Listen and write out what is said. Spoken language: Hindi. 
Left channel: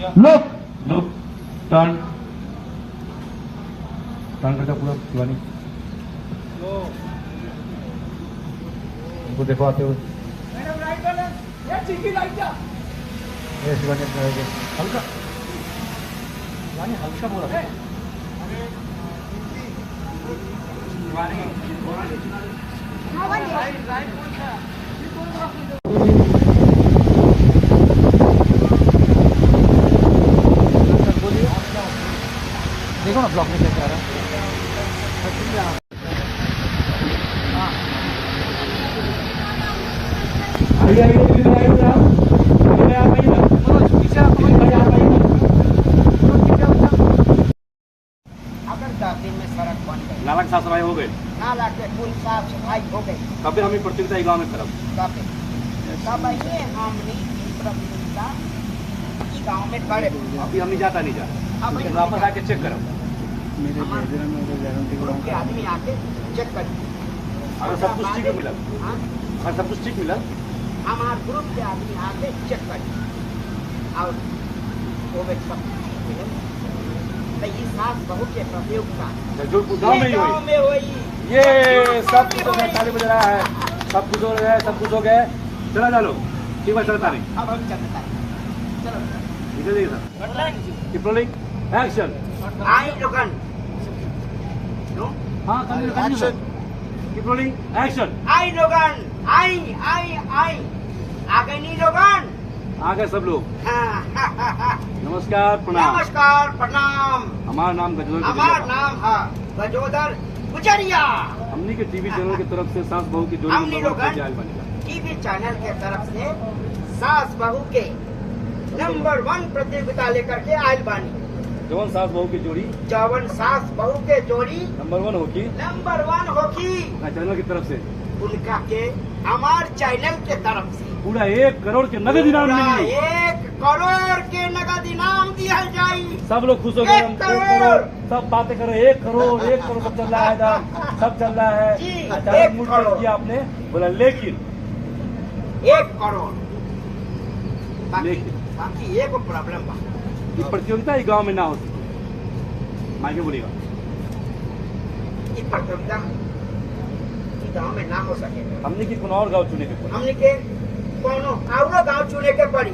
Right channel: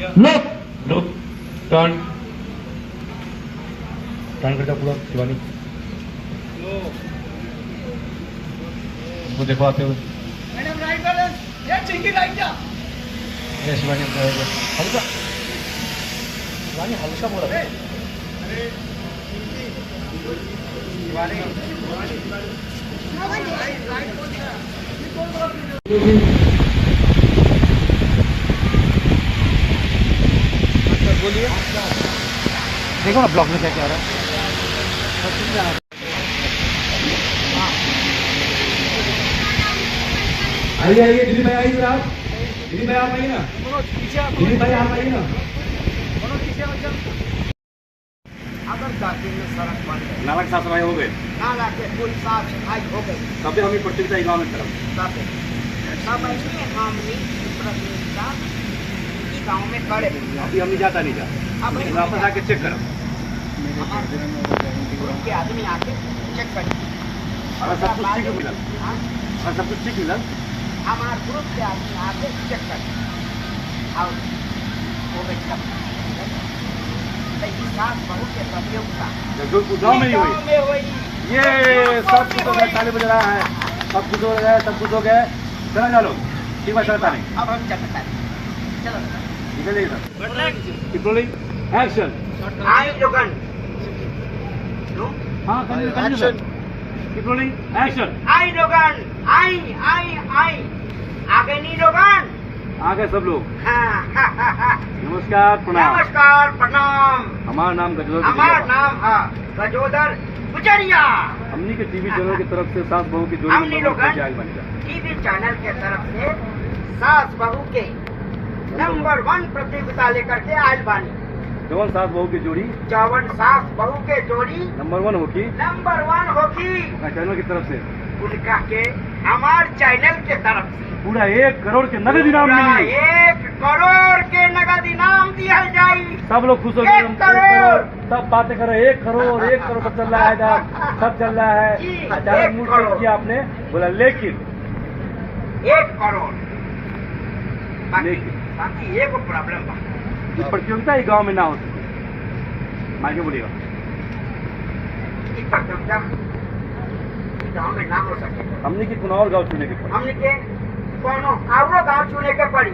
लुक लुक टर्न टर्न करके पूरा शिवानी वो देखो आते हुए मैडम राइट बैलेंस ये चिंकी राइट जा ये शिवानी हल्का शिवानी हल्का बोला देखो ना ब्लॉक में क्या कह रहा है आइए आइए दिल्ली में आइए आप दिल्ली में आप आइए ना दिल्ली में आप आइए ना अगर 10 दिन में सड़क बन गई, नालक साफ सफाई हो गए नाला के पुल साफ सफाई हो गई, तब हमें प्रतियोगिता गाँव में तरफ तब ऐसे हमने प्रतियोगिता गाँव में करे। अभी हम नहीं जाता नहीं जा अब नहीं वापस आके चेक करो के आदमी आके चेक करे हमें सब कुछ ठीक मिला सब कुछ ठीक मिला हमारे ग्रुप के आदमी आके चेक करे और वो साफ बहू के प्रतियोगिता गाँव में ही हुई ये सब कुछ हो गया ताली बजा रहा है सब कुछ हो गया सब कुछ हो गया चला जाओ लोग ठीक बात चलता नहीं अब हम चलता है चलो निकलिए सर रोलिंग एक्शन आई दुकान हाँ continue sir keep rolling action I दुकान आई आगे नहीं दुकान आ गए सब लोग हाँ नमस्कार प्रणाम नमस्कार प्रणाम हमारा नाम गजोदर हमारा नाम है गजोदर गुजरिया। हमनी के टीवी चैनल की तरफ से सास बहू की जोड़ी हमनी लोगन बनेगा टीवी चैनल के तरफ से सास बहू के नंबर 1 प्रतियोगिता लेकर के आयल बानी। जवन सास बहू की जोड़ी जवन सास बहू के जोड़ी नंबर 1 होगी नंबर 1 होगी चैनल की तरफ से उनका के हमार चैनल के तरफ से पूरा 1 करोड़ के नगद इनाम मिलेंगे 1 करोड़ के नगद इनाम दिया जाए। सब लोग खुश हो गए 1 करोड़ सब बातें कर रहे 1 करोड़ सब चल रहा है सब चल रहा है जी, अचानक 1 मूड करोड़। चेंज किया आपने बोला लेकिन 1 करोड़ लेकिन बाकी एक प्रॉब्लम बा ये प्रतियोगिता ही गांव में ना हो सके मायके बोलेगा इस प्रतियोगिता गाँव में ना हो सके हमने की कुनावर गाँव चुने के हमने के कोनो और गाँव चुने के पड़ी।